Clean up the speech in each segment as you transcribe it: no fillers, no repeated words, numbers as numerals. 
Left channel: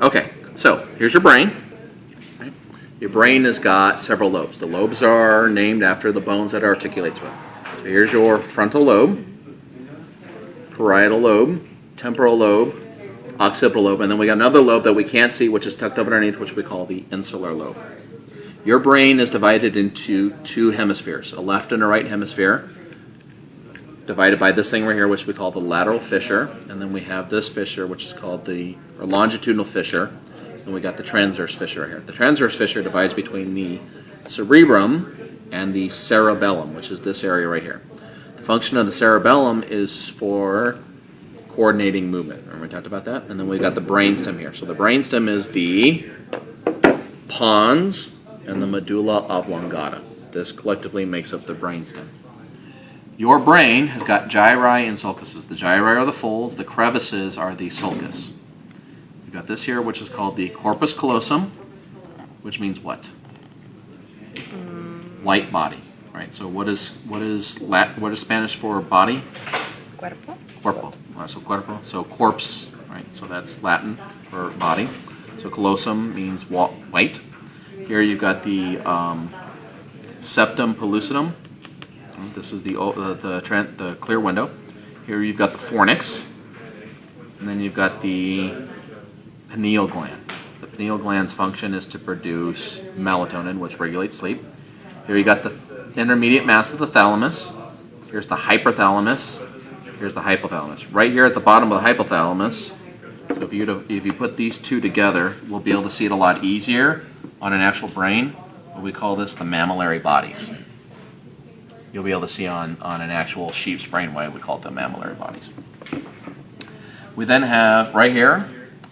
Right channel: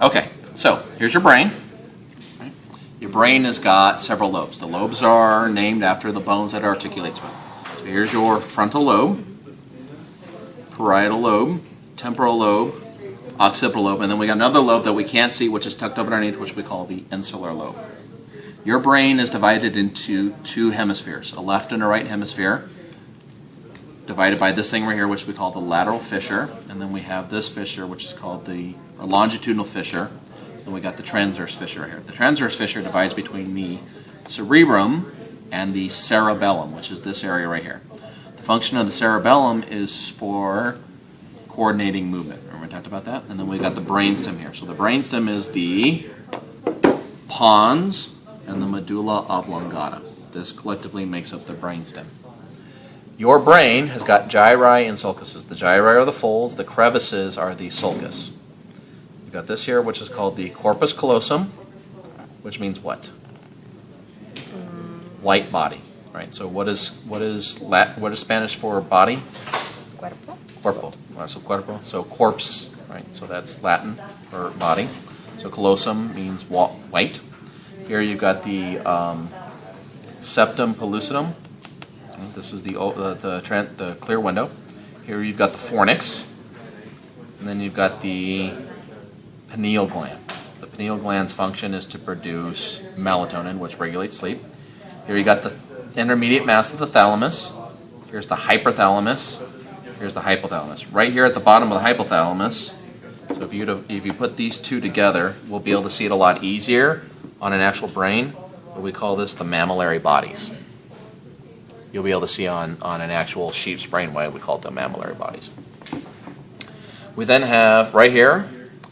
Okay, so here's your brain. Your brain has got several lobes. The lobes are named after the bones that it articulates with. So here's your frontal lobe, parietal lobe, temporal lobe, occipital lobe, and then we got another lobe that we can't see, which is tucked up underneath, which we call the insular lobe. Your brain is divided into two hemispheres, a left and a right hemisphere, divided by this thing right here, which we call the lateral fissure, and then we have this fissure, which is called the longitudinal fissure, and we got the transverse fissure right here. The transverse fissure divides between the cerebrum and the cerebellum, which is this area right here. The function of the cerebellum is for coordinating movement. Remember we talked about that? And then we got the brainstem here. So the brainstem is the pons and the medulla oblongata. This collectively makes up the brainstem. Your brain has got gyri and sulcuses. The gyri are the folds, the crevices are the sulcus. You've got this here, which is called the corpus callosum, which means what? Light body. Right. So what is Spanish for body? Cuerpo. Corpo. So cuerpo. So corpse. Right. So that's Latin for body. So callosum means white. Here you've got the septum pellucidum. This is the clear window. Here you've got the fornix, and then you've got the pineal gland. The pineal gland's function is to produce melatonin, which regulates sleep. Here you got the intermediate mass of the thalamus. Here's the hypothalamus. Here's the hypothalamus. Right here at the bottom of the hypothalamus. So if you put these two together, we'll be able to see it a lot easier on an actual brain. But we call this the mammillary bodies. You'll be able to see on an actual sheep's brain wave, we call it the mammillary bodies. We then have right here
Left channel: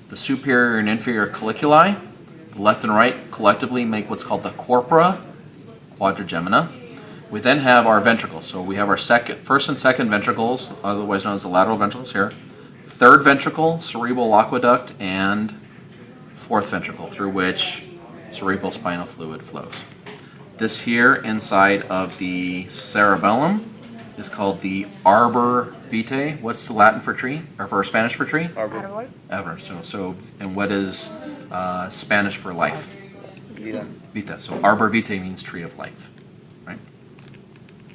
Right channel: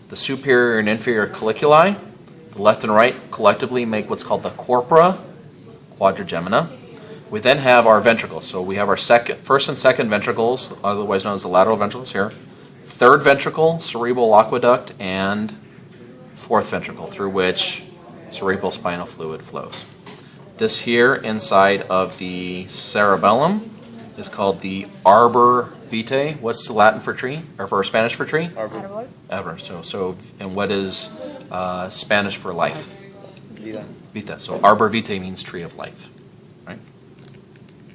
the superior and inferior colliculi. The left and right collectively make what's called the corpora quadrigemina. We then have our ventricles. So we have our first and second ventricles, otherwise known as the lateral ventricles here. Third ventricle, cerebral aqueduct, and fourth ventricle, through which cerebral spinal fluid flows. This here inside of the cerebellum is called the arbor vitae. What's the Latin for tree, or for Spanish for tree? Árbol. Arbor. And what is Spanish for life? Vida. Vita. So arbor vitae means tree of life, right?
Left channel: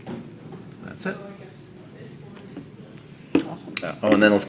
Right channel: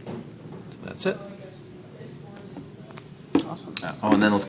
So that's it. Awesome. Oh, and then let's